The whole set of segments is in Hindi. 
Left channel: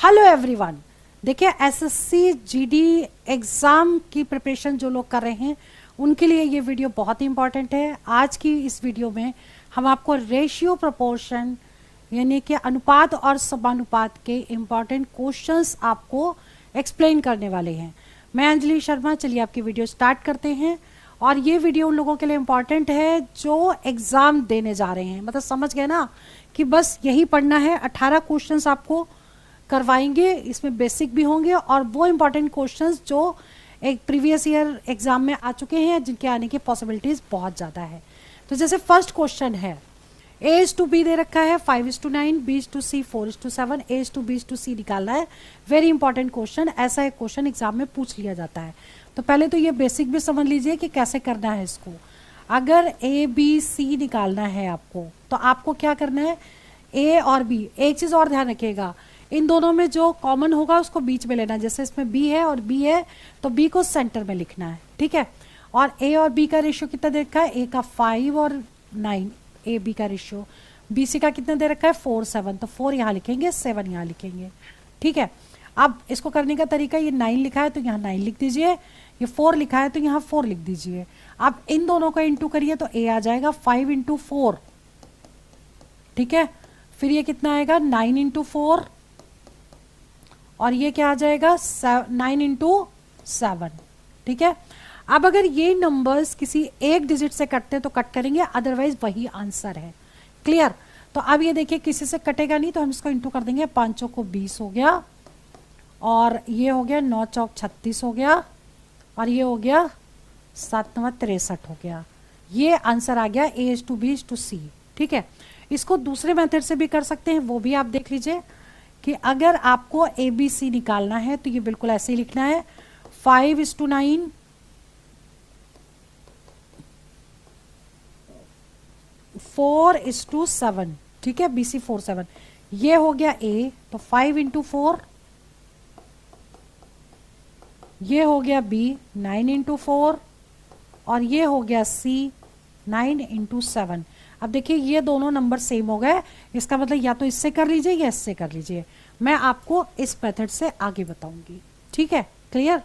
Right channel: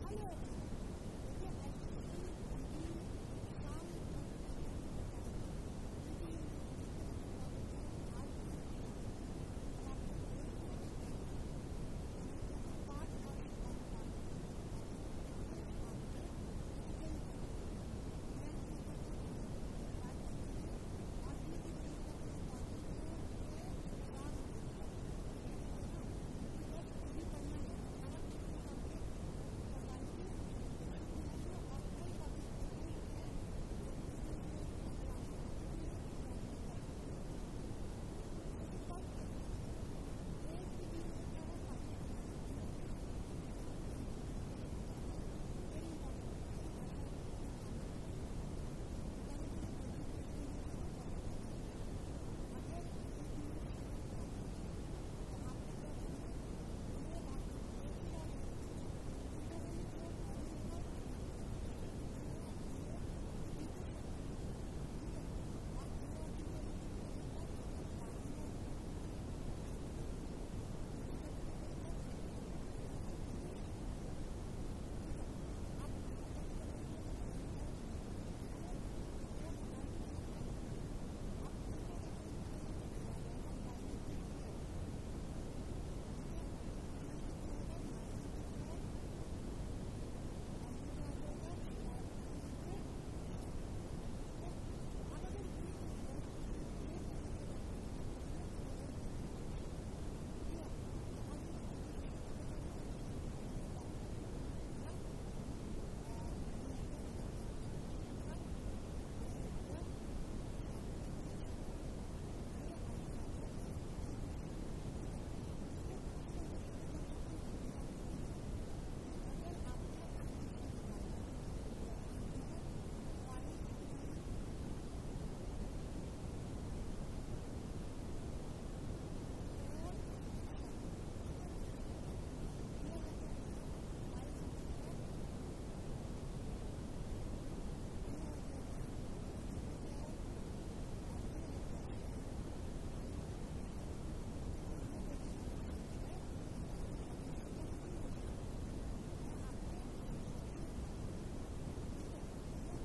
Hello everyone. देखिए एसएससी जीडी एग्ज़ाम की प्रिपरेशन जो लोग कर रहे हैं उनके लिए ये वीडियो बहुत ही इंपॉर्टेंट है। आज की इस वीडियो में हम आपको रेशियो प्रोपोर्शन यानी कि अनुपात और समानुपात के इम्पॉर्टेंट क्वेश्चंस आपको एक्सप्लेन करने वाले हैं। मैं अंजलि शर्मा। चलिए आपकी वीडियो स्टार्ट करते हैं। और ये वीडियो उन लोगों के लिए इम्पॉर्टेंट है जो एग्ज़ाम देने जा रहे हैं, मतलब समझ गए ना कि बस यही पढ़ना है। 18 क्वेश्चंस आपको करवाएंगे, इसमें बेसिक भी होंगे और वो इम्पॉर्टेंट क्वेश्चंस जो एक प्रीवियस ईयर एग्जाम में आ चुके हैं जिनके आने की पॉसिबिलिटीज़ बहुत ज़्यादा है। तो जैसे फर्स्ट क्वेश्चन है A:B दे रखा है 5:9, B:C 4:7, A:B:C निकालना है। वेरी इंपॉर्टेंट क्वेश्चन, ऐसा एक क्वेश्चन एग्जाम में पूछ लिया जाता है। तो पहले तो ये बेसिक भी समझ लीजिए कि कैसे करना है इसको। अगर A B C निकालना है आपको तो आपको क्या करना है, A और B। एक चीज़ और ध्यान रखिएगा, इन दोनों में जो कॉमन होगा उसको बीच में लेना। जैसे इसमें B है और B है तो B को सेंटर में लिखना है, ठीक है। और A और B का रेशियो कितना दे रखा है, A का 5 और 9 AB का रेशियो, BC का कितना दे रखा है 4 7, तो 4 यहाँ लिखेंगे, 7 यहाँ लिखेंगे, ठीक है। अब इसको करने का तरीका, ये 9 लिखा है तो यहाँ 9 लिख दीजिए, ये 4 लिखा है तो यहाँ 4 लिख दीजिए। अब इन दोनों का इंटू करिए तो A आ जाएगा 5 × 4, ठीक है। फिर ये कितना आएगा 9 × 4 और ये क्या आ जाएगा 9 × 7, ठीक है। अब अगर ये नंबर्स किसी एक डिजिट से कटते हैं तो कट करेंगे, अदरवाइज वही आंसर है। क्लियर। तो अब ये देखिए किसी से कटेगा नहीं तो हम इसको इंटू कर देंगे। 5 चौको 20 हो गया और ये हो गया 9 चौक 36 हो गया और ये हो गया 7 9 63 हो गया। ये आंसर आ गया A:B:C, ठीक है। इसको दूसरे मेथड से भी कर सकते हैं, वो भी आप देख लीजिए कि अगर आपको ABC निकालना है तो ये बिल्कुल ऐसे ही लिखना है 5:9 4:7, ठीक है। BC 4 7 ये हो गया A, तो 5 × 4, ये हो गया B 9 × 4 और ये हो गया C 9 × 7। अब देखिए ये दोनों नंबर सेम हो गए, इसका मतलब या तो इससे कर लीजिए या इससे कर लीजिए। मैं आपको इस मेथड से आगे बताऊंगी, ठीक है। क्लियर।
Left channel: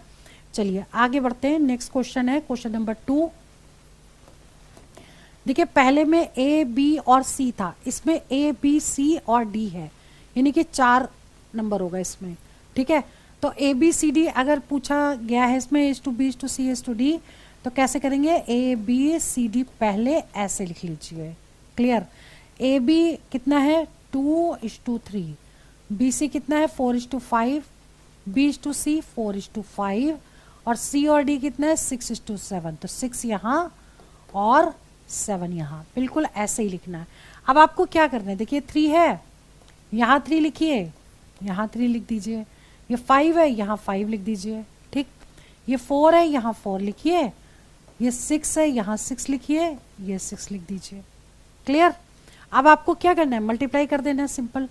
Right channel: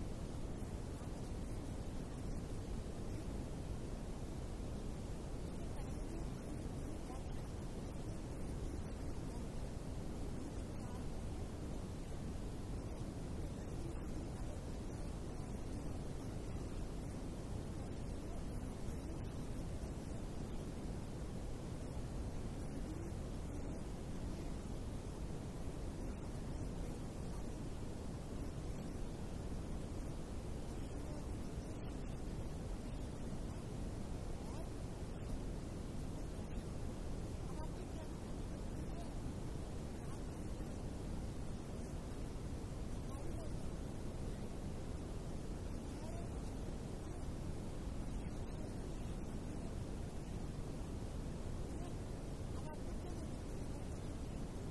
चलिए आगे बढ़ते हैं। नेक्स्ट क्वेश्चन है क्वेश्चन नंबर 2। देखिए पहले में A B और C था, इसमें A B C और D है, यानी कि 4 नंबर होगा इसमें, ठीक है। तो A B C D अगर पूछा गया है इसमें A:B C D तो कैसे करेंगे, A B C D पहले ऐसे लिख लीजिए। क्लियर। A B कितना है 2:3, B C कितना है 4:5, B:C 4:5 और C और D कितना है 6:7, तो 6 यहाँ और 7 यहाँ, बिल्कुल ऐसे ही लिखना है। अब आपको क्या करना है, देखिए 3 है, यहाँ 3 लिखिए, यहाँ 3 लिख दीजिए। ये 5 है, यहाँ 5 लिख दीजिए, ठीक। ये 4 है, यहाँ 4 लिखिए। ये 6 है, यहाँ 6 लिखिए, ये 6 लिख दीजिए। क्लियर। अब आपको क्या करना है, मल्टीप्लाई कर देना है, सिंपल।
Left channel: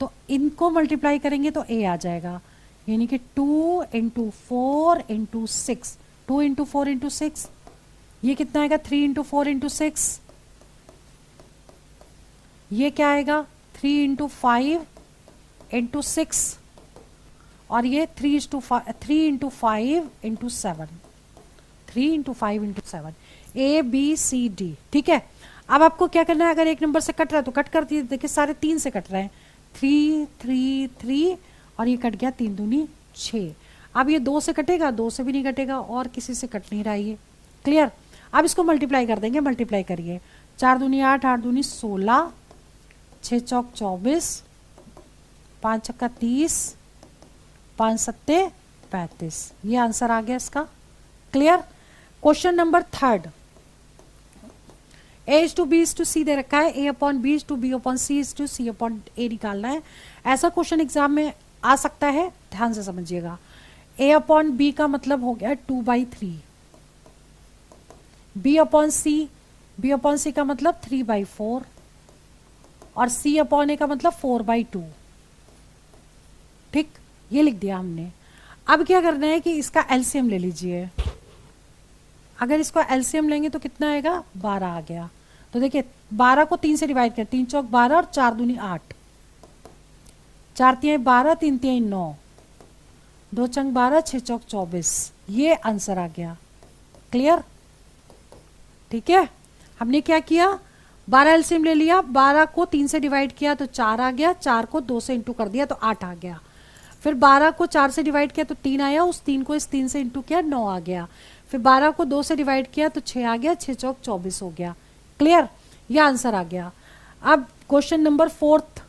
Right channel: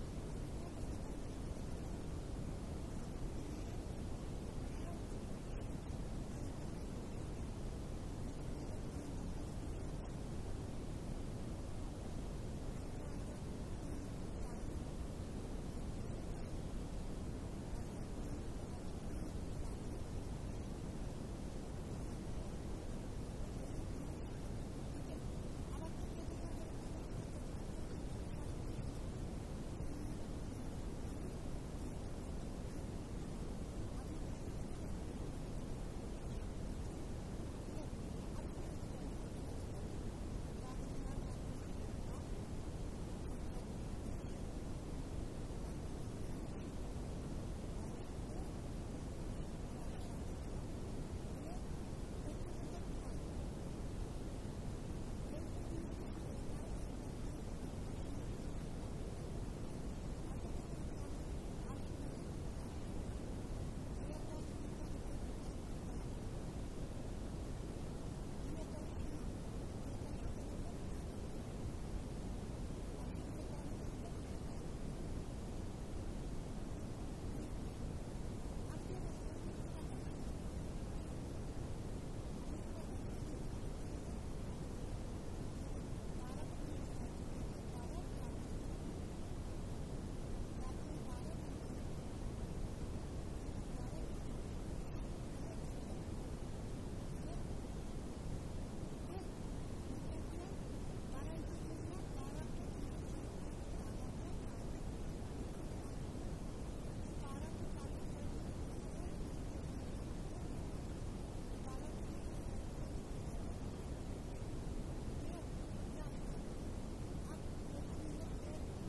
तो इनको मल्टीप्लाई करेंगे तो A आ जाएगा, यानी कि 2 × 4 × 6, 2 × 4 × 6, ये कितना आएगा 3 × 4 × 6, ये क्या आएगा 3 × 5 × 6 और ये 3 × 5 × 7, 3 × 5 × 7, A B C D, ठीक है। अब आपको क्या करना है, अगर एक नंबर से कट रहा है तो कट कर दिए। देखिए सारे 3 से कट रहे हैं, 3 3 3 और ये कट गया 3 दूनी 6। अब ये 2 से कटेगा, 2 से भी नहीं कटेगा और किसी से कट नहीं रहा ये। क्लियर। अब इसको मल्टीप्लाई कर देंगे, मल्टीप्लाई करिए। 4 दूनी 8, 8 दूनी 16, 6 चौक 24, 5 छक्का 30, 5 सत्ते 35, ये आंसर आ गया इसका। क्लियर। Question number 3। A:B:C दे रखा है, A/B/B/C/C/A निकालना है। ऐसा क्वेश्चन एग्जाम में आ सकता है, ध्यान से समझिएगा। A/B का मतलब हो गया 2/3, B/C का मतलब 3/4 और C/A का मतलब 4/2, ठीक। ये लिख दिया हमने। अब क्या करना है कि इसका एलसीएम ले लीजिए। अगर इसको एलसीएम लेंगे तो कितना आएगा 12 आ गया। तो देखिए 12 को 3 से डिवाइड कर, 3 चौक 12 और 4 दूनी 8, 4 तिहाई 12, 3 तिहाई 9, 2 चंग 12, 6 चौक 24, ये आंसर आ गया। क्लियर? ठीक है, हमने क्या किया, 12 एलसीएम ले लिया, 12 को 3 से डिवाइड किया तो 4 आ गया, 4 को 2 से इंटू कर दिया तो 8 आ गया, फिर 12 को 4 से डिवाइड किया तो 3 आया, उस 3 को इस 3 से इंटू किया 9 आ गया, फिर 12 को 2 से डिवाइड किया तो 6 आ गया, 6 चौक 24 हो गया। क्लियर? यह आंसर आ गया। अब question number 4th,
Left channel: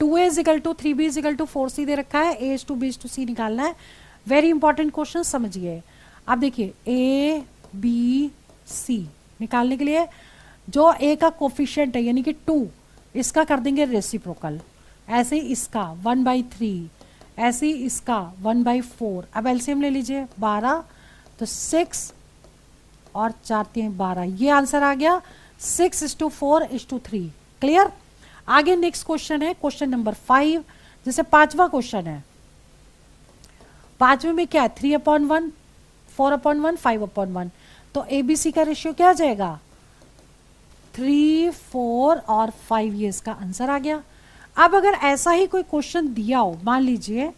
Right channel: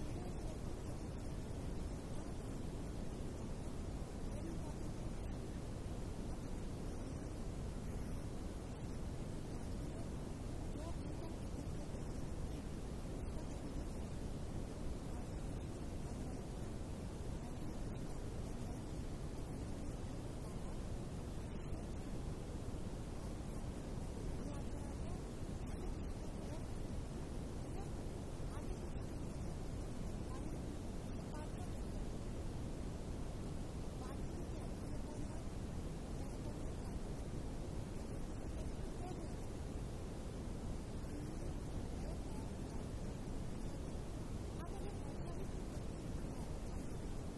2a is equal to 3b is equal to 4c दे रखा है, a to b to c निकालना है। वेरी इंपॉर्टेंट क्वेश्चन, समझिए। अब देखिए a b c निकालने के लिए जो a का कोफिशिएंट है यानी कि 2, इसका कर देंगे रेसिप्रोकल, ऐसे ही इसका 1/3, ऐसे ही इसका 1/4। अब एलसीएम ले लीजिए, 12 तो 6 और 4 3 12, ये आंसर आ गया 6:4:3। क्लियर? आगे नेक्स्ट क्वेश्चन है क्वेश्चन नंबर 5, जैसे 5वां क्वेश्चन है। 5वें में क्या है, 3/1, 4/1, 5/1, तो ABC का रेशियो क्या आ जाएगा, 3, 4 और 5, ये इसका आंसर आ गया। अब अगर ऐसा ही कोई क्वेश्चन दिया हो, मान लीजिए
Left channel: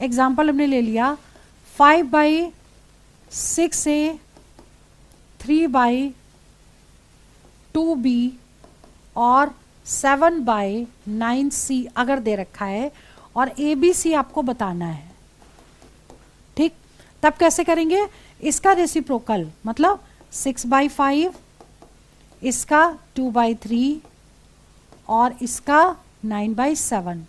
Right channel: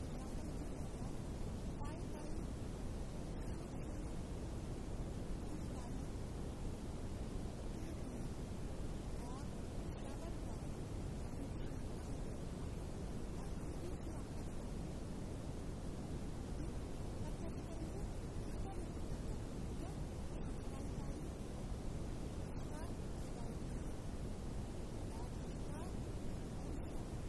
एग्जाम्पल हमने ले लिया 5/6A, 3/2B और 7/9C अगर दे रखा है और ABC आपको बताना है, ठीक, तब कैसे करेंगे, इसका रेसिप्रोकल मतलब 6/5, इसका 2/3 और इसका 9/7,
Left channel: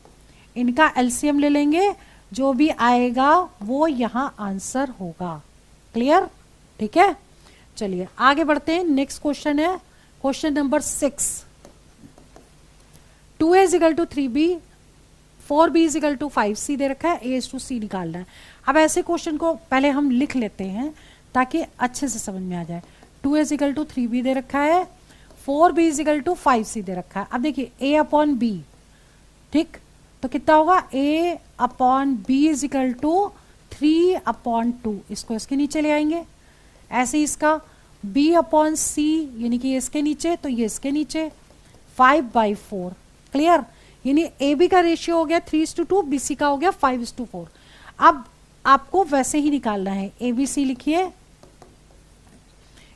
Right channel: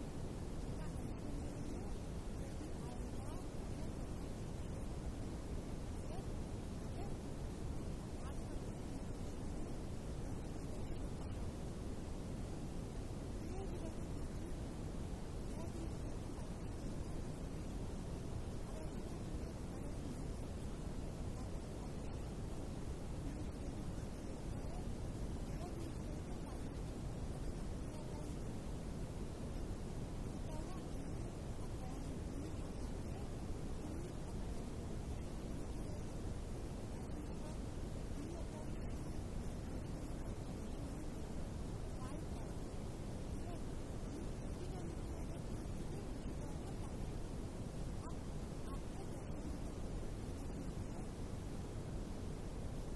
इनका एलसीएम ले लेंगे, जो भी आएगा वो यहाँ आंसर होगा। क्लियर? ठीक है, चलिए आगे बढ़ते हैं। नेक्स्ट क्वेश्चन है question number 6, 2a is equal to 3b, 4b is equal to 5c दे रखा है, a टू c निकालना है। अब ऐसे क्वेश्चन को पहले हम लिख लेते हैं ताकि अच्छे से समझ में आ जाए। 2a इजिकल टू 3b दे रखा है, 4b इजिकल टू 5c दे रखा है। अब देखिए a/b, ठीक, तो कितना होगा, a/b इजिकल टू 3/2, इसको इसके नीचे ले आएंगे, ऐसे ही इसका b/c यानी कि इसके नीचे तो ये इसके नीचे 5/4। क्लियर? यानी AB का रेशियो हो गया 3:2, BC का हो गया 5:4। अब आपको वैसे ही निकालना है, ABC लिखिए,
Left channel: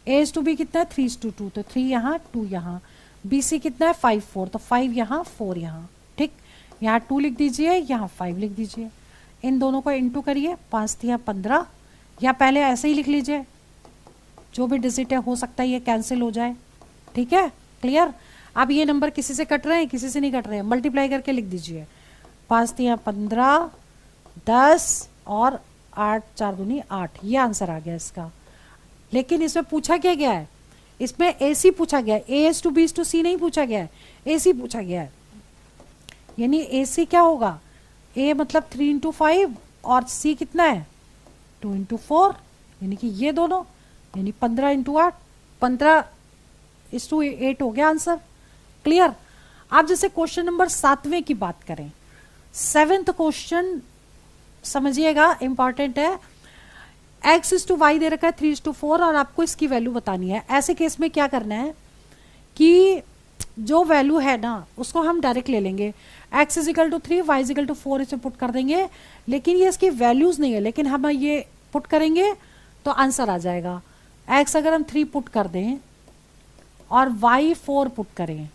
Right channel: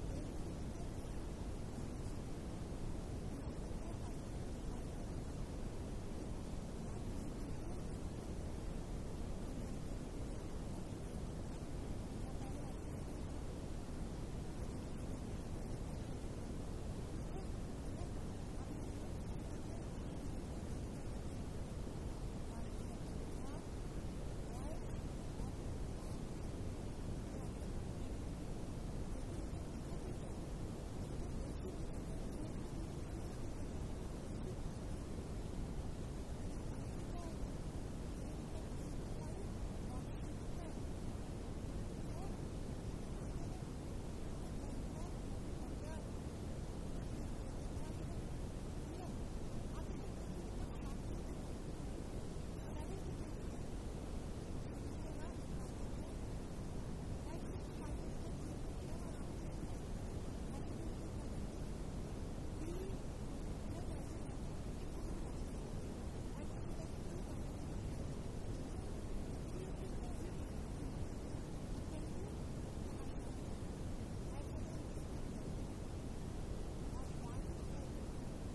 A/B कितना है 3:2, तो 3 यहाँ 2 यहाँ, BC कितना है 5/4, तो 5 यहाँ 4 यहाँ, ठीक, यहाँ 2 लिख दीजिए, यहाँ 5 लिख दीजिए, इन दोनों को इंटू करिए, 5 3 15, या पहले ऐसे ही लिख लीजिए, जो भी डिजिट है हो सकता है ये कैंसिल हो जाए। ठीक है, क्लियर? अब ये नंबर किसी से कट रहे हैं, किसी से नहीं कट रहे हैं, मल्टीप्लाई करके लिख दीजिए, 5 3 15, 10 और 8 4 दूनी 8, ये आंसर आ गया इसका। लेकिन इसमें पूछा क्या गया है, इसमें AC पूछा गया है, A/B/C नहीं पूछा गया है, AC पूछा गया है। यानी AC क्या होगा, A मतलब 3 × 5 और C कितना है 2 × 4, यानी कि ये दोनों, यानी 15 × 8, 15:8 हो गया आंसर। क्लियर? आप जैसे क्वेश्चन नंबर 7वें की बात करें, 7th क्वेश्चन समझिएगा, इंपॉर्टेंट है। x/y दे रखा है 3:4 और आपको इसकी वैल्यू बतानी है। ऐसे केस में क्या करना है कि जो वैल्यू है ना उसको हम डायरेक्ट ले लेंगे, x = 3, y = 4 इसे पुट कर देंगे, लेकिन ये इसकी वैल्यूज नहीं है, लेकिन हम ये पुट करेंगे तो आंसर आ जाएगा। x अगर हम 3 पुट कर दें और y 4 पुट करें,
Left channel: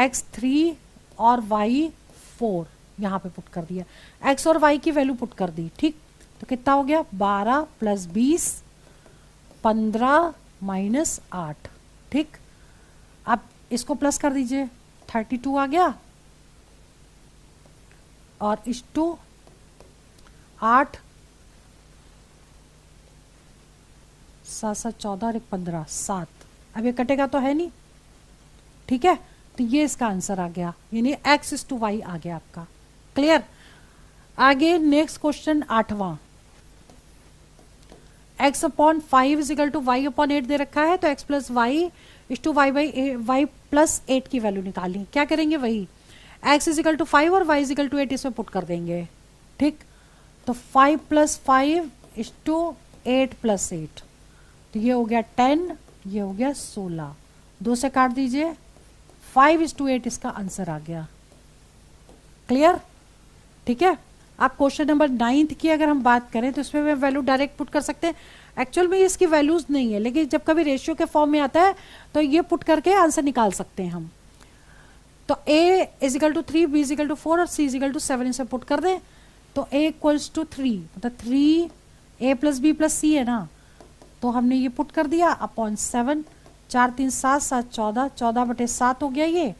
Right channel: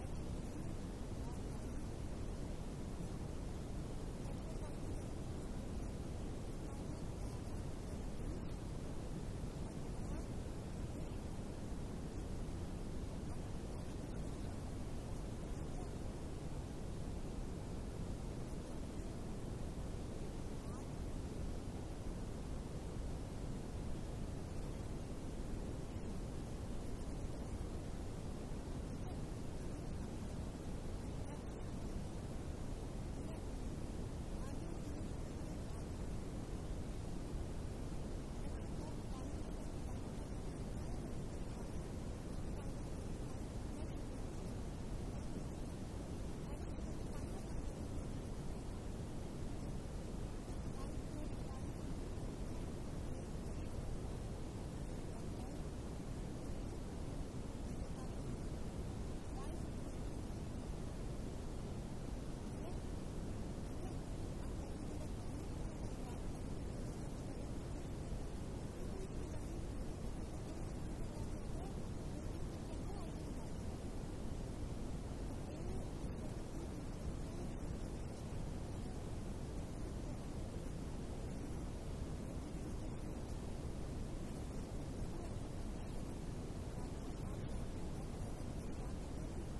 x 3 और y 4 यहाँ पे पुट कर दिया, x और y की वैल्यू पुट कर दी, ठीक, तो कितना हो गया 12 + 20, 15 - 8, ठीक। अब इसको प्लस कर दीजिए, 32 आ गया, और इस 2 8 7 7 14 और 1 15 7, अब ये कटेगा तो है नहीं, ठीक है, तो ये इसका आंसर आ गया, यानी x/y आ गया आपका। क्लियर? आगे नेक्स्ट क्वेश्चन 8वां, x/5 = y/8 दे रखा है, तो x + y = y + 8 की वैल्यू निकालनी। क्या करेंगे, वही x = 5 और y = 8 इसमें पुट कर देंगे, ठीक, तो 5 + 5 = 8 + 8, तो ये हो गया 10, ये हो गया 16, 2 से काट दीजिए, 5/8 इसका आंसर आ गया। क्लियर, ठीक है। अब क्वेश्चन नंबर 9 की अगर हम बात करें तो इसमें वैल्यू डायरेक्ट पुट कर सकते हैं। एक्चुअल में इसकी वैल्यूज़ नहीं है, लेकिन जब कभी रेशियो के फॉर्म में आता है तो ये पुट करके आंसर निकाल सकते हैं हम। तो a is equal to 3, b is equal to 4 और c इजिकल टू 7 इसे पुट कर दें तो a इक्वल्स टू 3, मतलब 3a plus b plus c है ना, तो हमने ये पुट कर दिया अपॉन 7, 4 3 7 7 14, 14/7 हो गया, ये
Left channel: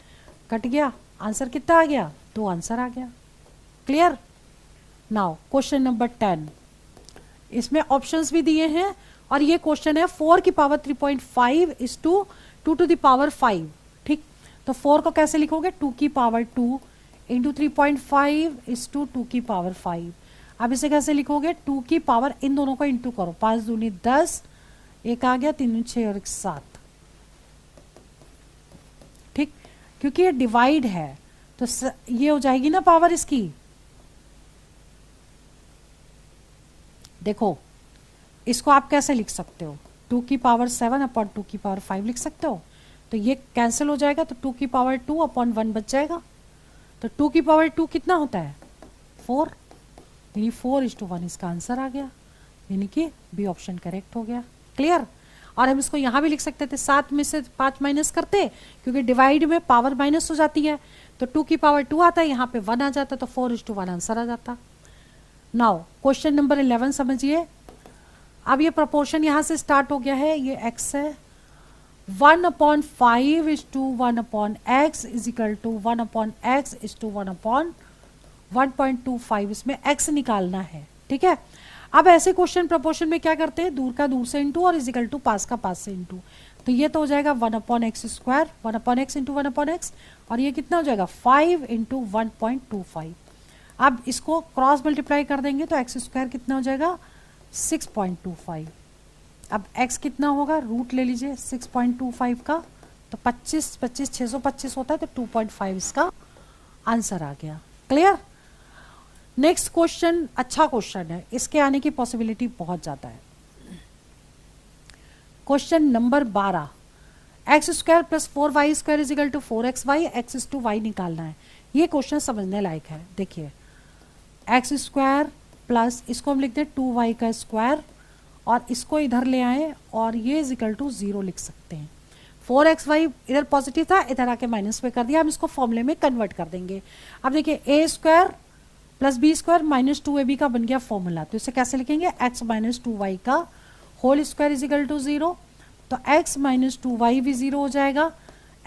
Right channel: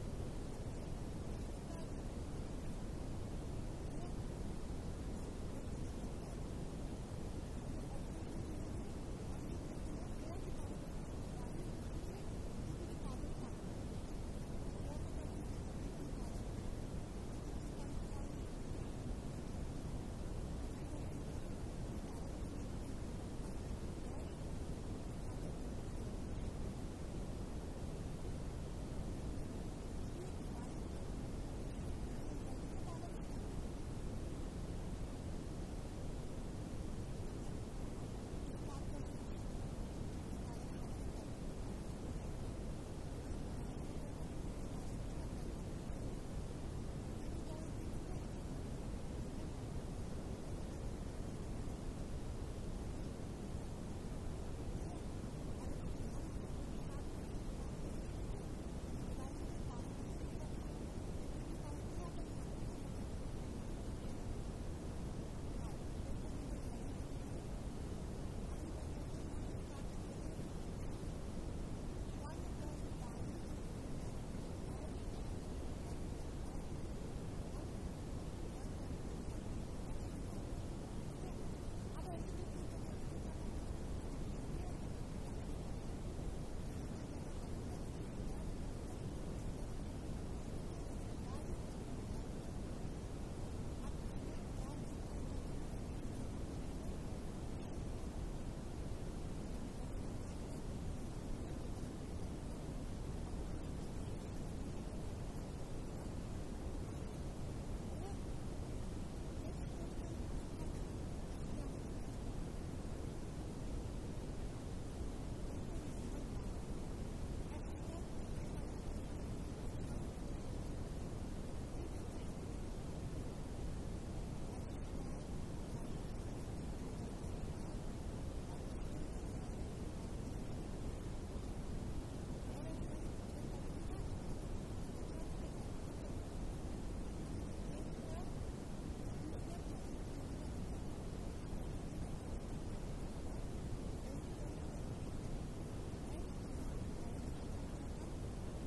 कट गया, आंसर कितना आ गया, 2 आंसर आ गया। क्लियर। नाउ क्वेश्चन नंबर 10, इसमें ऑप्शंस भी दिए हैं और ये क्वेश्चन है 4 की power 3.5 is to 2 to the power 5, ठीक। तो 4 को कैसे लिखोगे, 2 की पावर 2 इंटू 3.5 इज टू 2 की पावर 5। अब इसे कैसे लिखोगे, 2 की पावर, इन दोनों को इंटू करो, 5 दूनी 10, एक आ गया, 3 6 और 1 7, ठीक। क्योंकि ये डिवाइड है तो ये हो जाएगी ना पावर इसकी, देखो इसको आप कैसे लिख सकते हो, 2 की पावर 7 अपॉन 2 की पावर 5 लिख सकते हो, तो ये कैंसिल हो जाएगा, तो 2 की पावर 2 अपॉन 1 बच जाएगा। तो 2 की पावर 2 कितना होता है, 4, यानी 4:1 इसका आंसर आ गया, यानी कि बी ऑप्शन करेक्ट हो गया। क्लियर। और हम इसको यहाँ भी लिख सकते थे, 7 में से 5 माइनस करते, क्योंकि डिवाइड में पावर माइनस हो जाती है, तो 2 की पावर 2 आता है, यहाँ पे 1 आ जाता, तो 4:1 आंसर आ जाता। नाउ क्वेश्चन नंबर 11 समझिए। अब ये प्रोपोर्शन यहाँ से स्टार्ट हो गया है, ये x है, 1/5 is to 1/x is equal to 1/x is to 1/1.25, इसमें x निकालना है, ठीक है। अब ऐसे क्वेश्चन प्रोपोर्शन में क्या करते हैं, दूर का दूर से इंटू और इज इक्वल टू पास का पास से इंटू, तो ये तो हो जाएगा 1/x square, 1/x into 1/x, और ये कितना हो जाएगा 5 इंटू 1.25। अब इसको क्रॉस मल्टीप्लाई कर देंगे तो एक्स स्क्वायर कितना हो जाएगा 6.25। अब x कितना होगा, रूट ले लीजिए 6.25 का, तो 25 25 625 होता है, तो 2.5 इसका आंसर आ गया। क्लियर। नेक्स्ट क्वेश्चन अच्छा क्वेश्चन है, इसके आने की पॉसिबिलिटी बहुत ज़्यादा है। Question number 12, x square plus 4y square is equal to 4xy, x is to y निकालना है। ये क्वेश्चन समझने लायक है। देखिए एक्स स्क्वायर प्लस, इसको हम लिखते हैं 2y का स्क्वायर, और इसको इधर ले आए और ये इज इक्वल टू 0 लिख सकते हैं। 4xy इधर पॉजिटिव था, इधर आके माइनस पे कर दिया, हम इसको फॉर्मूले में कन्वर्ट कर देंगे। अब देखिए a square plus b square minus 2ab का बन गया फॉर्मूला, तो इसे कैसे लिखेंगे, x माइनस 2y का whole square is equal to 0, तो x माइनस 2y भी 0 हो जाएगा,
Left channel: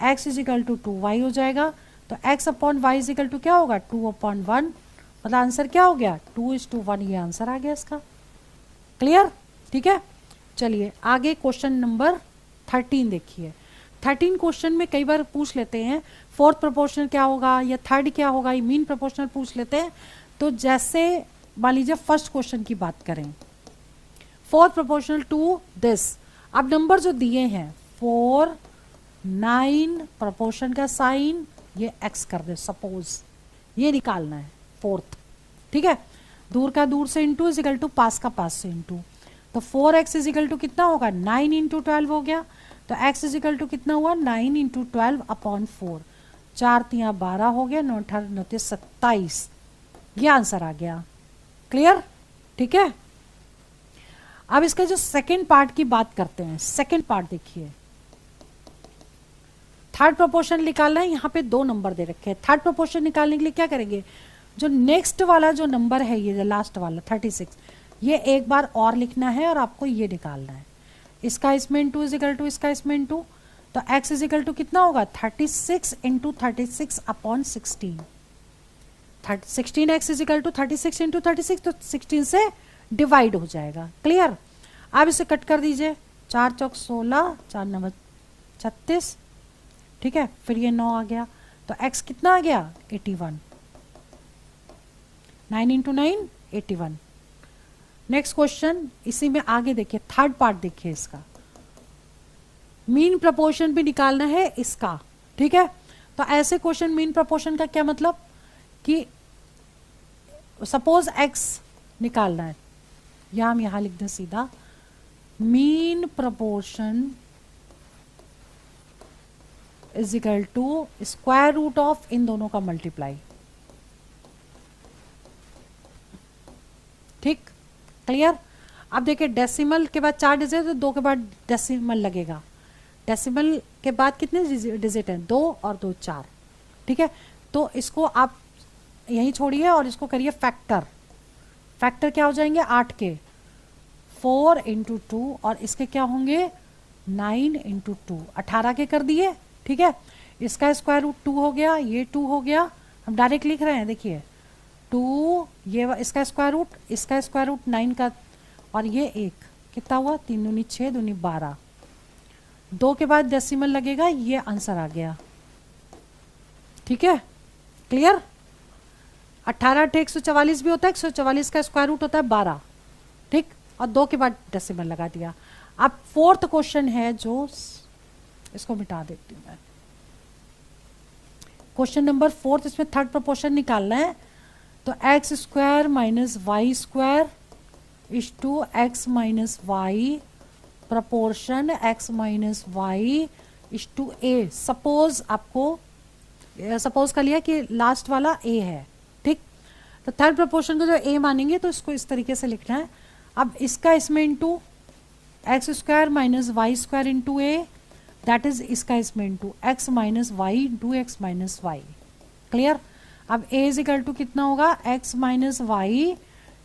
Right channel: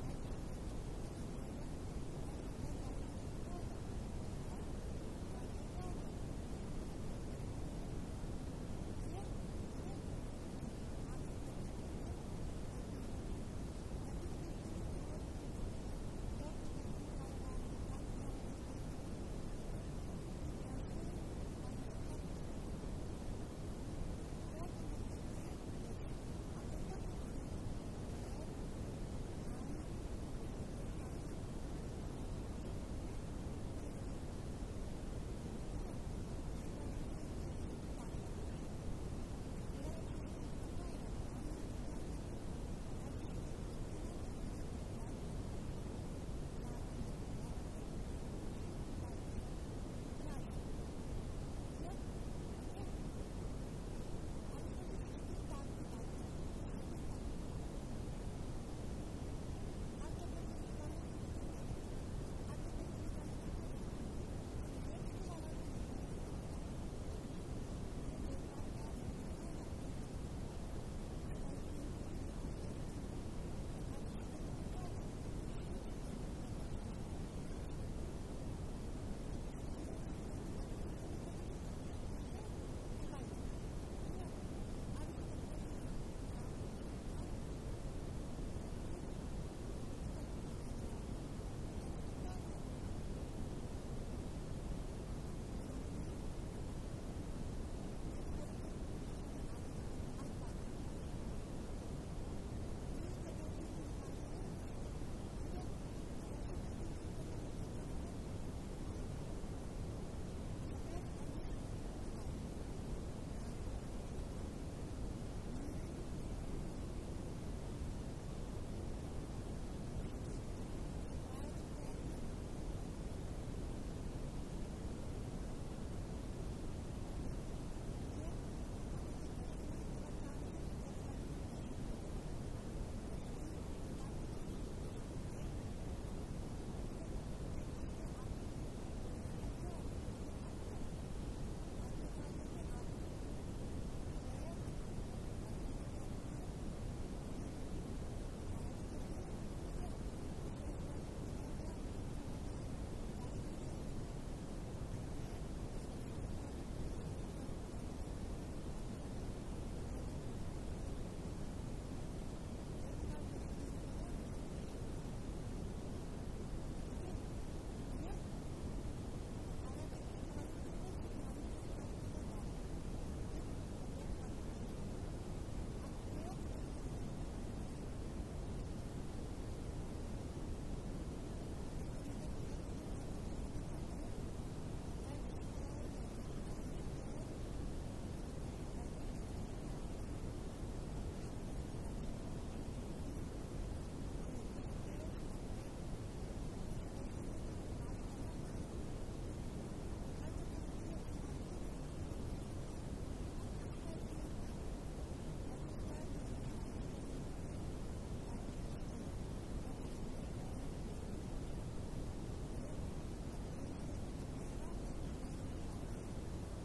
x is equal to 2y हो जाएगा, तो x upon y is equal to क्या होगा 2/1, मतलब आंसर क्या हो गया 2:1, ये आंसर आ गया इसका। क्लियर, ठीक है। चलिए आगे क्वेश्चन नंबर 13 देखिए। 13 क्वेश्चन में कई बार पूछ लेते हैं फोर्थ प्रोपोर्शनल क्या होगा या थर्ड क्या होगा, ये मीन प्रोपोर्शनल पूछ लेते हैं। तो जैसे मान लीजिए फर्स्ट क्वेश्चन की बात करें, फोर्थ प्रोपोर्शनल टू दिस, अब नंबर जो दिए हैं 4 9, प्रोपोर्शन का साइन ये x कर दे, सपोज ये निकालना है फोर्थ, ठीक है। दूर का दूर से इंटू इज इक्वल टू पास का पास से इंटू, तो 4x इज इक्वल टू कितना होगा 9 इंटू 12 हो गया, तो x इज इक्वल टू कितना हुआ 9 इंटू 12 अपॉन 4, 4 3 12 हो गया, 9 8 9 27, ये आंसर आ गया। क्लियर, ठीक है। अब इसका जो सेकेंड पार्ट की बात करते हैं, सेकेंड पार्ट देखिए, थर्ड प्रोपोर्शन निकालना है, यहाँ पे 2 नंबर दे रखे हैं। थर्ड प्रोपोर्शन निकालने के लिए क्या करेंगे, जो नेक्स्ट वाला जो नंबर है, ये लास्ट वाला 36, ये एक बार और लिखना है और आपको ये निकालना है, इसका इसमें इंटू इज इक्वल टू इसका इसमें इंटू, तो x इज इक्वल टू कितना होगा 36 into 36 upon 16, 16x is equal to 36 into 36, तो 16 से डिवाइड हो जाएगा। क्लियर। अब इसे कट कर दीजिए, 4 चौक 16, 4 9 36, ठीक है, फिर ये 9 आ गया, तो x कितना आ गया 81, 9 इंटू 9 81। नेक्स्ट क्वेश्चन, इसी में आगे देखिए थर्ड पार्ट देखिए, इसका मीन प्रपोर्शन भी निकालना है इसका, ठीक है। तो ऐसे क्वेश्चन मीन प्रपोर्शन का क्या मतलब कि सपोज x निकालना है, या हम यहां लिख दें सीधा mean proportion is equal to square root of इन दोनों का मल्टीप्लाई, क्लियर। अब देखिए डेसिमल के बाद 4 डिजिट तो 2 के बाद डेसिमल लगेगा। डेसिमल के बाद कितने डिजिट हैं? 2 और 2 4। ठीक है, तो इसको आप यहीं छोड़िए और इसको करिए फैक्टर। फैक्टर क्या हो जाएंगे? 8 के 4 इंटू 2 और इसके क्या होंगे? 9 इंटू 2, 18 के कर दिए। ठीक है, इसका स्क्वायर रूट 2 हो गया, ये 2 हो गया। हम डायरेक्ट लिख रहे हैं, देखिए 2, ये इसका स्क्वायर रूट 9 का, और ये 1 कितना हुआ? 3 दूनी 6 दूनी 12। 2 के बाद डेसिमल लगेगा, ये आंसर आ गया। ठीक है, क्लियर। 18 × 144 भी होता है, 144 का स्क्वायर रूट होता है 12। ठीक, और 2 के बाद डेसिमल लगा दिया। अब फोर्थ क्वेश्चन है, जो इसको मिटा देती हूँ मैं। क्वेश्चन नंबर 4, इसमें थर्ड प्रोपोर्शन निकालना है। तो x square minus y square is to x minus y proportion x minus y is to a. Suppose आपको सपोज कर लिया कि लास्ट वाला ए है। ठीक, तो थर्ड प्रोपोर्शन को जो ए मानेंगे तो इसको इस तरीके से लिखना है। अब इसका इसमें into x square minus y square into a, that is इसका इसमें into x minus y into x minus y. Clear. अब ए इज इक्वल टू कितना होगा? X minus y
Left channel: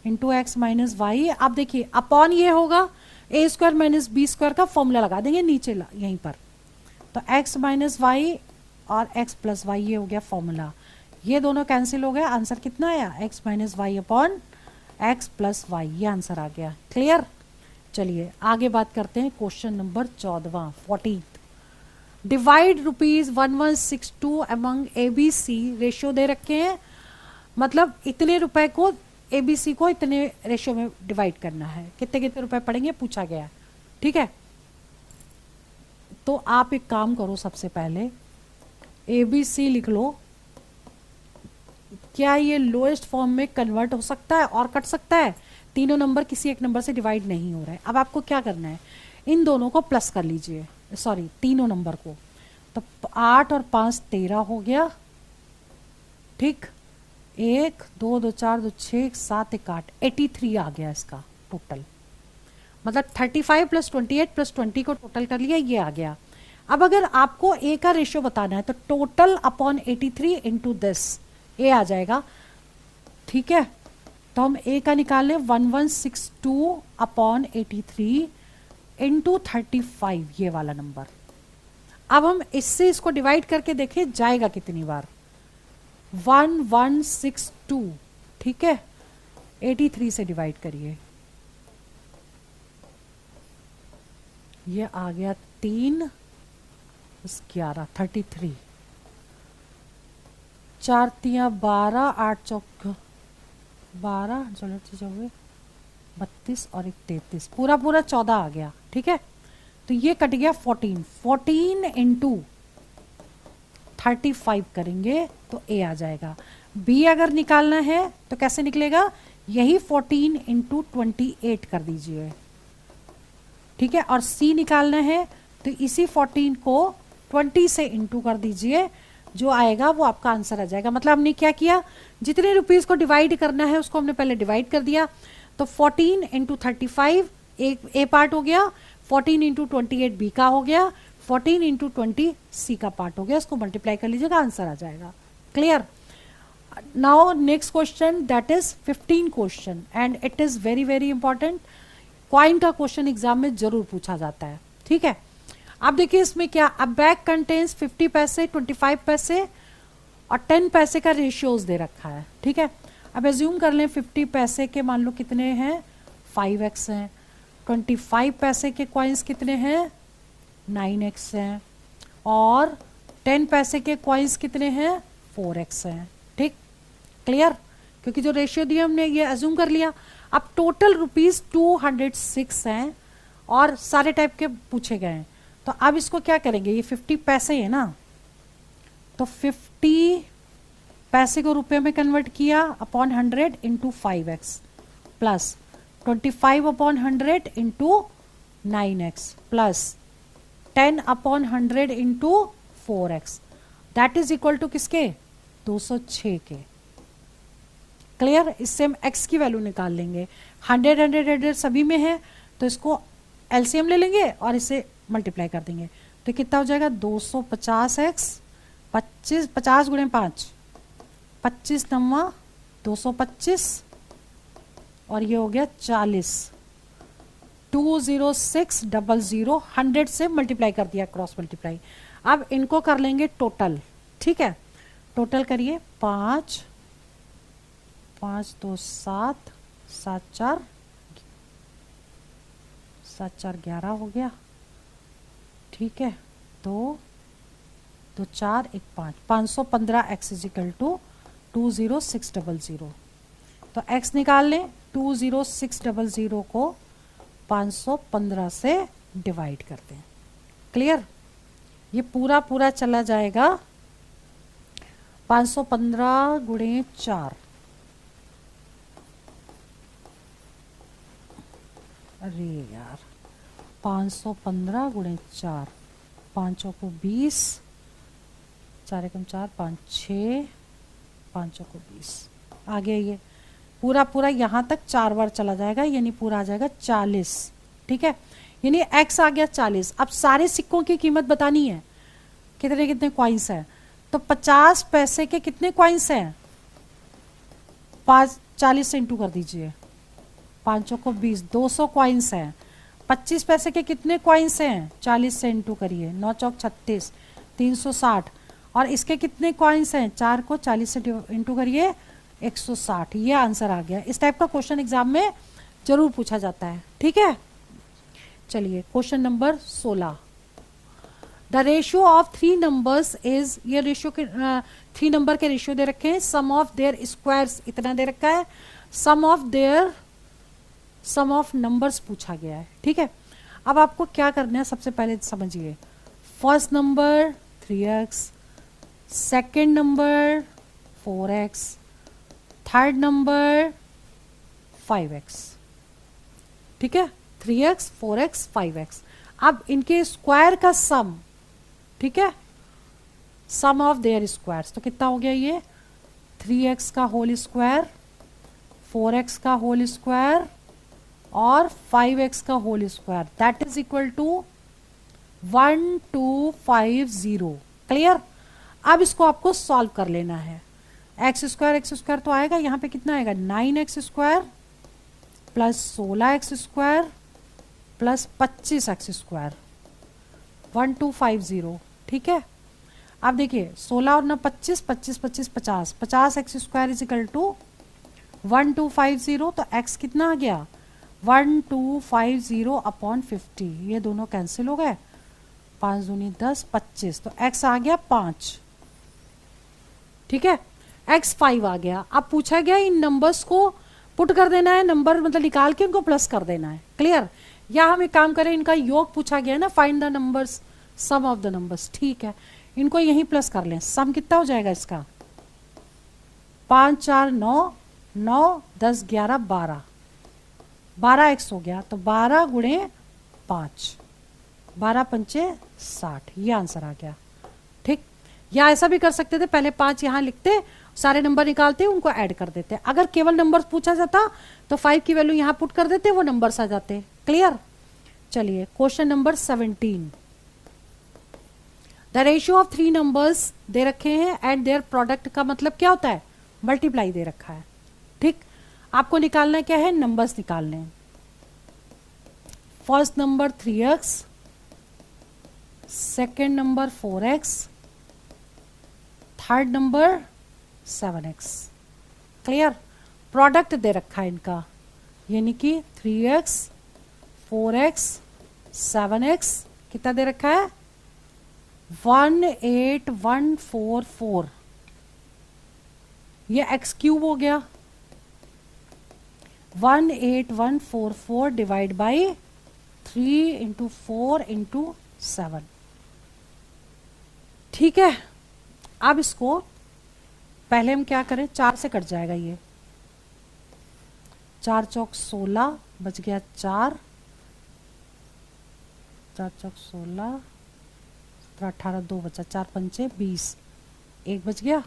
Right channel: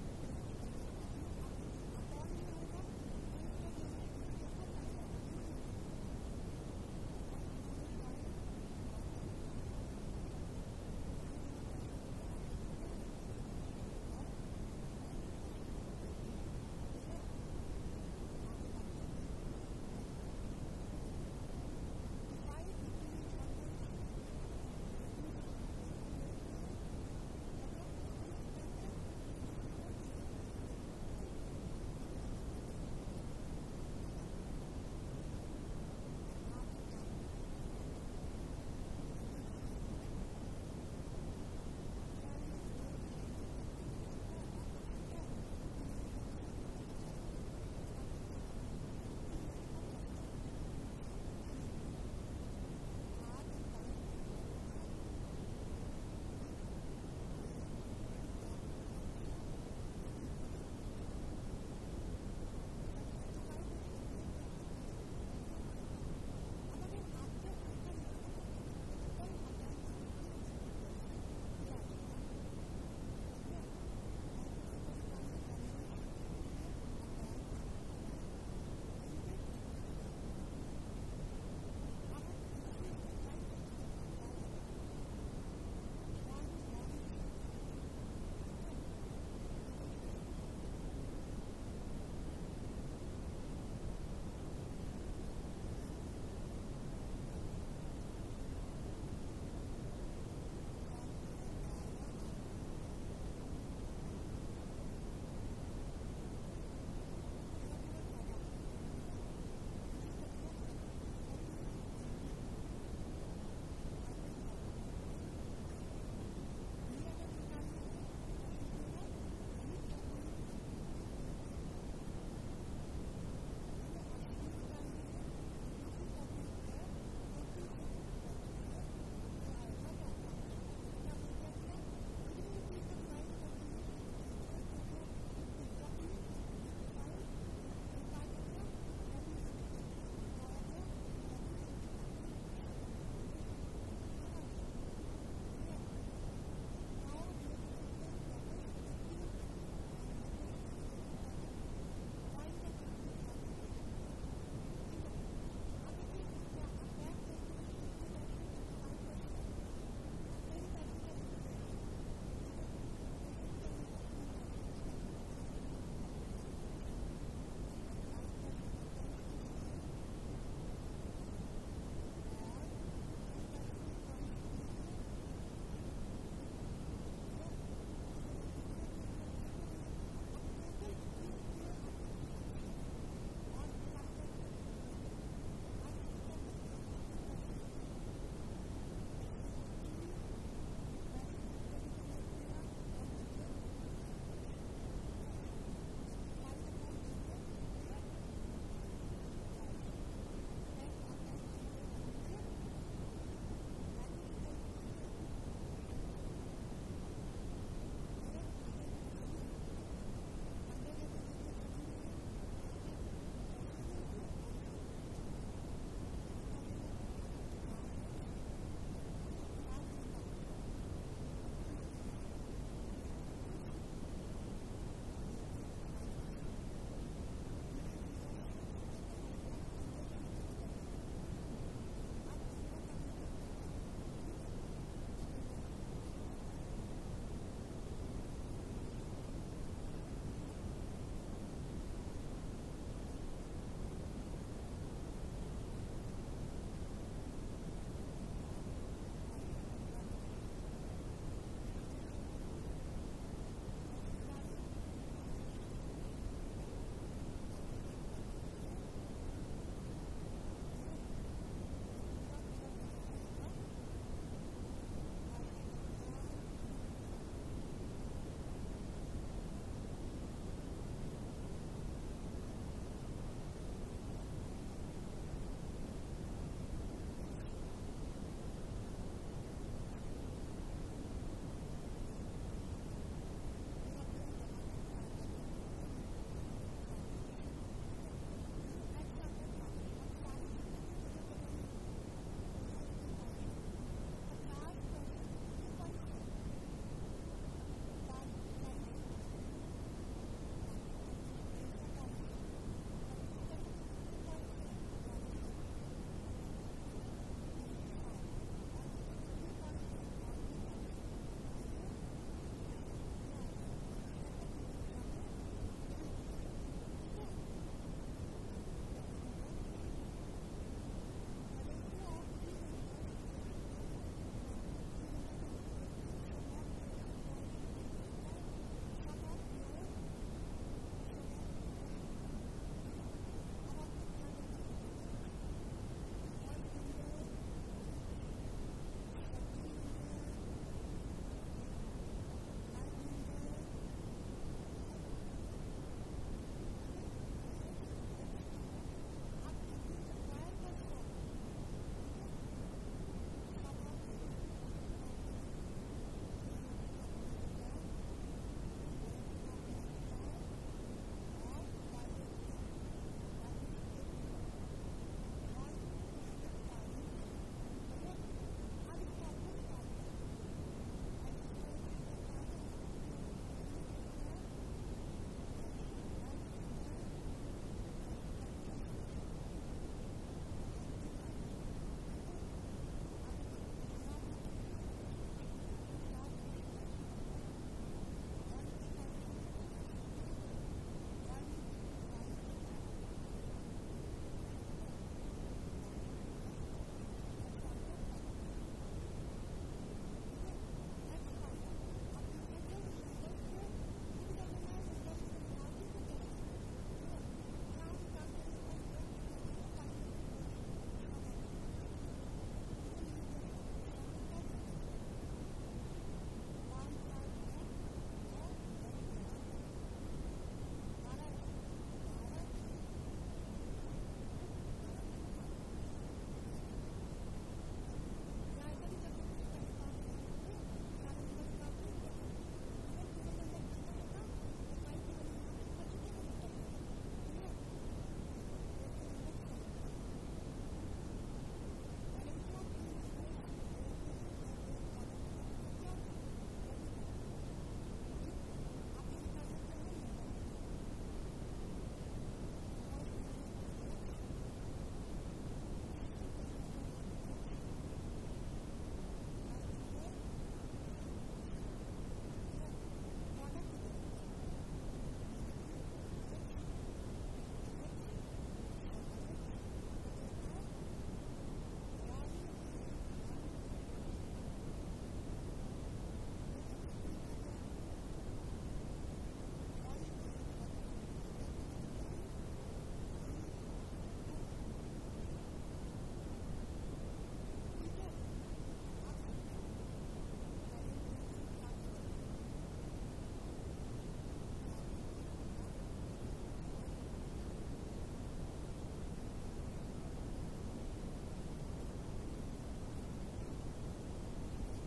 into x minus y. अब देखिए अपॉन ये होगा a square minus b square का फॉर्मूला लगा देंगे नीचे यहीं पर। तो एक्स माइनस वाई और एक्स प्लस वाई, ये हो गया फॉर्मूला। ये दोनों कैंसिल हो गए, आंसर कितना आया? X minus y upon x plus y, ये आंसर आ गया। क्लियर। चलिए आगे बात करते हैं। Question number 14 14। Divide ₹1162 among ABC। Ratio दे रखे हैं, मतलब इतने रुपए को ABC को इतने रेशियो में डिवाइड करना है। कितने कितने रुपए पड़ेंगे पूछा गया। ठीक है, तो आप एक काम करो, सबसे पहले ABC लिख लो। क्या ये लोएस्ट फॉर्म में कन्वर्ट हो सकता है और कट सकता है? तीनों नंबर किसी एक नंबर से डिवाइड नहीं हो रहा है। अब आपको क्या करना है? इन दोनों को प्लस कर लीजिए, सॉरी तीनों नंबर को। तो 8 और 5 13 हो गया। ठीक, 1 2 2 4 2 6 7 1 8, 83 आ गया इसका टोटल। मतलब 35 + 28 + 20 को टोटल कर लिया, ये आ गया। अब अगर आपको ए का रेशियो बताना है तो टोटल अपॉन 83 इंटू दिस ए आ जाएगा। ठीक है, तो हम ए का निकाल लें 1162 अपॉन 83 इंटू 35, ये वाला नंबर। अब हम इससे इसको डिवाइड करके देखें जाएगा कितनी बार। 1162, ठीक है, 83 से डिवाइड करिए, ये आ गया 3 11 33, 4 3 12, 8 चौक 12, 32 और 33, पूरा 14 आ गया। ठीक है, तो ये कट गया 14 इंटू 35 करेंगे तो ए आ जाएगा। बी अगर निकालना है तो कैसे निकलेगा? यही 14 इंटू 28 कर दीजिए। ठीक है, और सी निकालना है तो इसी 14 को 20 से इंटू कर दीजिए, जो आएगा वो आपका आंसर आ जाएगा। मतलब हमने क्या किया, जितने रुपीस को डिवाइड करना है उसको हमने पहले डिवाइड कर दिया। तो 14 इंटू 35 ए पार्ट हो गया, 14 इंटू 28 बी का हो गया, 14 इंटू 20 सी का पार्ट हो गया। इसको मल्टीप्लाई कर लीजिएगा, आंसर आ जाएगा। Clear. Now next question, that is 15 question and it is very very important. Coin का क्वेश्चन एग्जाम में जरूर पूछा जाता है। ठीक है, अब देखिए इसमें क्या, अब बैग कंटेन्स 50 पैसे, 25 पैसे और 10 पैसे का रेशियोज दे रखा है। ठीक है, अब एज्यूम कर लें 50 पैसे के मान लो कितने हैं 5x हैं, 25 पैसे के कॉइन्स कितने हैं 9x हैं, और 10 पैसे के कॉइन्स कितने हैं 4x हैं। ठीक, क्लियर, क्योंकि जो रेशियो दिया हमने ये एज्यूम कर लिया। अब टोटल ₹206 हैं और सारे टाइप के पूछे गए हैं। तो अब इसको क्या करेंगे, ये 50 पैसे है ना, तो 50 पैसे को रुपए में कन्वर्ट किया upon 100 into 5x plus 25 upon 100 into 9x plus 10 upon 100 into 4x, that is equal to किसके 206 के। क्लियर, इससे हम x की वैल्यू निकाल लेंगे। 100 100 100 सभी में है, तो इसको एलसीएम ले लेंगे और इसे मल्टीप्लाई कर देंगे। तो कितना हो जाएगा 250x 25, 50 गुणे 5, 25 नम्मा 225 और ये हो गया 40। 20600 100 से मल्टीप्लाई कर दिया, क्रॉस मल्टीप्लाई। अब इनको कर लेंगे टोटल, ठीक है। टोटल करिए 5 5 2 7 7 4 7 4 11 हो गया, ठीक है। 2 2 4 1 5 515 x इजिकल टू 20600। तो x निकाल लें, 20600 को 515 से डिवाइड कर दें। क्लियर? ये पूरा पूरा चला जाएगा 515 गुणे 4, अरे यार 515 गुणे 4, 5 को 20, 4 एकम 4 5 6, 5 को 20 आ गया। ये पूरा पूरा यहाँ तक 4 बार चला जाएगा, यानी पूरा आ जाएगा 40, ठीक है। यानी x आ गया 40। अब सारे सिक्कों की कीमत बतानी है, कितने कितने कॉइन्स हैं। तो 50 पैसे के कितने कॉइन्स हैं, 40 से इंटू कर दीजिए, 5 को 20, 200 कॉइन्स हैं। 25 पैसे के कितने कॉइन्स हैं, 40 से इंटू करिए, 9 चौक 36, 360। और इसके कितने कॉइन्स हैं, 4 को 40 से इंटू करिए, 160। ये आंसर आ गया। इस टाइप का क्वेश्चन एग्जाम में जरूर पूछा जाता है, ठीक है। चलिए question number 16। The ratio of 3 numbers is, ये रेशियो के 3 नंबर के रेशियो दे रखे हैं। सम ऑफ देयर स्क्वायर्स इतना दे रखा है, सम ऑफ नंबर्स पूछा गया है, ठीक है। अब आपको क्या करना है, सबसे पहले समझिए। First number 3x, second number 4x, third number 5x, ठीक है। 3x 4x 5x। अब इनके स्क्वायर का सम, ठीक है, सम ऑफ देयर स्क्वायर्स। तो कितना हो गया ये, 3x का होल स्क्वायर, 4x का होल स्क्वायर और 5x का whole square, that is equal to 1250। Clear? अब इसको आपको सॉल्व कर लेना है। एक्स स्क्वायर तो आएगा, यहाँ पे कितना आएगा, 9x square plus 16x square plus 25x square, 1250, ठीक है। अब देखिए 16 और ना 25, 25 25 50, 50x square is equal to 1250। तो x कितना आ गया, 1250 अपॉन 50, ये दोनों कैंसिल हो गए, 5 दूनी 10, 25। तो x आ गया 5, ठीक है। x 5 आ गया। अब पूछा गया इन नंबर्स को पुट कर देना है, नंबर मतलब निकाल के उनको प्लस कर देना है। क्लियर? या हम एक काम करें, इनका योग पूछा गया ना, find the numbers, sum of the numbers, ठीक है। इनको यहीं प्लस कर लें। सम कितना हो जाएगा इसका, 5 4 9, 9 10 11 12, 12x हो गया। तो 12 गुणे 5, 12 पंचे 60, ये आंसर आ गया, ठीक। या ऐसा भी कर सकते थे, पहले 5 यहाँ लिखते, सारे नंबर निकालते, उनको ऐड कर देते। अगर केवल नंबर पूछा जाता तो 5 की वैल्यू यहाँ पुट कर देते, वो नंबर्स आ जाते। क्लियर? चलिए question number 17। The ratio of 3 numbers दे रखे हैं एंड देयर प्रोडक्ट का मतलब क्या होता है, मल्टीप्लाई दे रखा है, ठीक। आपको निकालना क्या है, नंबर्स निकालने। First number 3x, second number 4x, third number 7x। Clear? Product दे रखा है इनका, यानी कि 3x 4x 7x कितना दे रखा है, 18144। ये x क्यूब हो गया, 18144 डिवाइड बाई 3 इंटू 4 इंटू 7, ठीक है। अब इसको पहले हम क्या करें, 4 से कट जाएगा ये, 4 चौक 16 बच गया 4, 4 चौक 16, 18 2 बचा, 4 पंचे 20, 1 बच गया,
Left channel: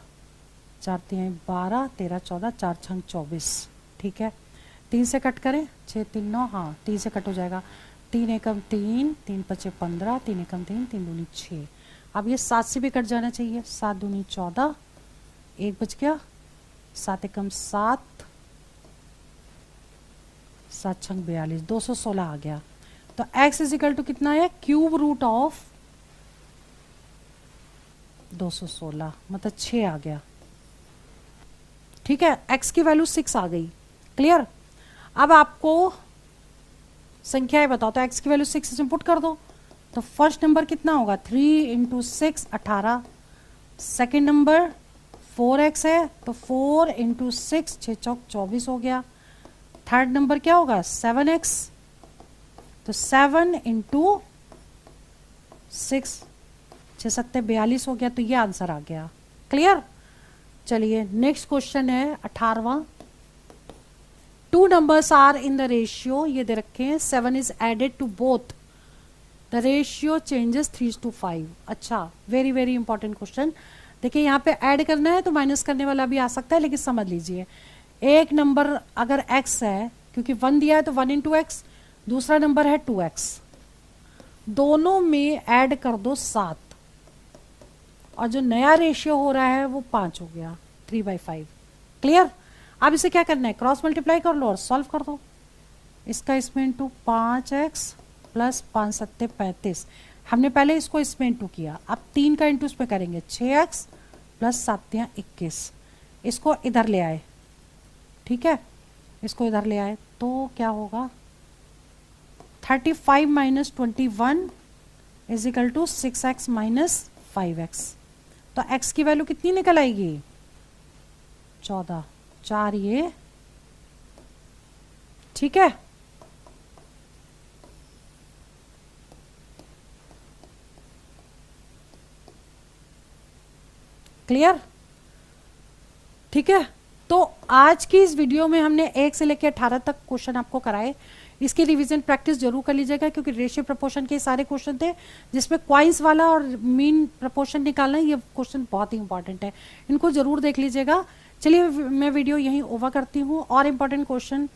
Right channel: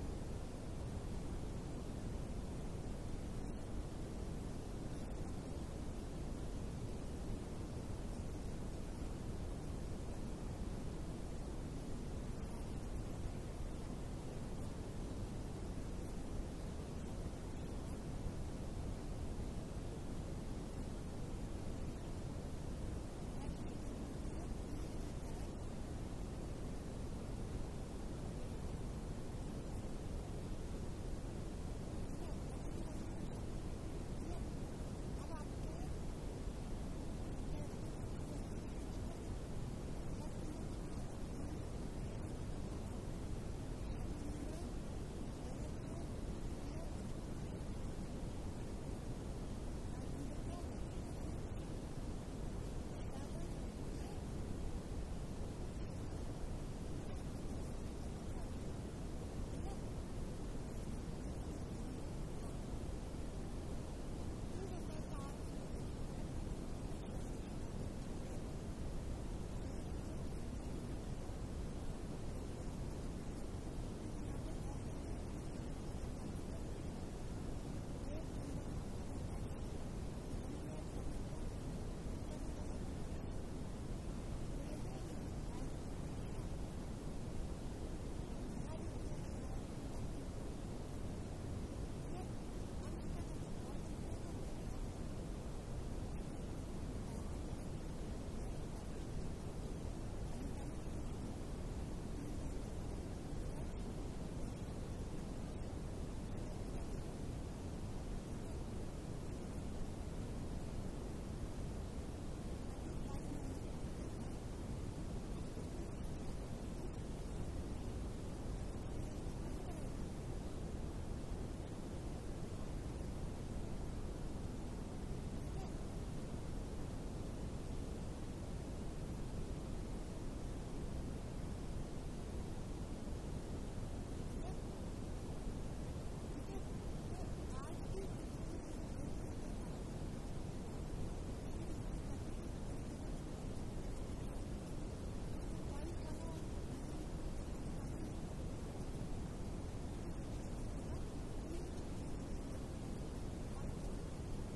4 3 12, 13 14, 4 6 24, ठीक है। 3 से कट करें, 6 3 9, हाँ 3 से कट हो जाएगा। 3 एकम 3, 3 पचे 15, 3 एकम 3, 3 दूनी 6। अब ये 7 से भी कट जाना चाहिए, 7 दूनी 14, 1 बच गया, 7 एकम 7, 7 छंग 42, 216 आ गया। तो x इज इक्वल टू कितना है, क्यूब रूट ऑफ 216, मतलब 6 आ गया। ठीक है, x की वैल्यू 6 आ गई। क्लियर। अब आपको संख्याएं बताओ, तो x की वैल्यू 6 इसमें पुट कर दो। तो फर्स्ट नंबर कितना होगा, 3 इंटू 6 18। सेकेंड नंबर 4x है, तो 4 इंटू 6 6 चौक 24 हो गया। थर्ड नंबर क्या होगा, 7x, तो 7 इंटू 6 6 सत्ते 42 हो गया। तो ये आंसर आ गया। क्लियर। चलिए नेक्स्ट क्वेश्चन है 18वां। 2 numbers are in the ratio, ये दे रखे हैं, 7 is added to both, the ratio changes 3:5। अच्छा, वेरी वेरी इंपॉर्टेंट क्वेश्चन। देखिए यहाँ पे ऐड करना है तो माइनस करने वाला भी आ सकता है, लेकिन समझ लीजिए एक नंबर अगर x है, क्योंकि 1 दिया है तो 1 इंटू एक्स, दूसरा नंबर है 2x, दोनों में ऐड कर दो 7, और जो नया रेशियो हो रहा है वो 5 हो गया, 3/5। क्लियर। अब इसे क्या करना है, क्रॉस मल्टीप्लाई कर लो और सॉल्व कर दो। इसका इसमें इंटू 5x प्लस 5 सत्ते 35, हमने पहले इसको इसमें इंटू किया, अब 3 का इंटू इसमें करेंगे, 6x प्लस 7 21। इसको इधर ले आए, ठीक है, इसको इधर ले आए तो क्या होगा, 35 minus 21 is equal to 6x minus 5x। तो x की वैल्यू कितनी निकल आएगी, 14, 4 ये, ठीक है। क्लियर। ठीक है, तो आज की इस वीडियो में हमने 1 से लेकर 18 तक क्वेश्चन आपको कराए। इसकी रिवीजन प्रैक्टिस जरूर कर लीजिएगा, क्योंकि रेशियो प्रपोर्शन के सारे क्वेश्चन थे, जिसमें क्वाइंस वाला और मीन प्रपोर्शन निकालना, ये क्वेश्चन बहुत ही इंपॉर्टेंट है, इनको जरूर देख लीजिएगा। चलिए मैं वीडियो यहीं ओवर करती हूँ, और इम्पॉर्टेंट क्वेश्चन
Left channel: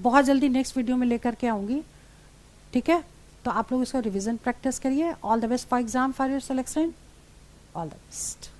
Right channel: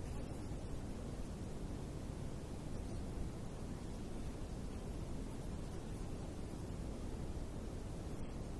बहुत जल्दी नेक्स्ट वीडियो में लेकर के आऊँगी। ठीक है, तो आप लोग इसका रिवीजन प्रैक्टिस करिए। All the best for exam, for your selection, all the best.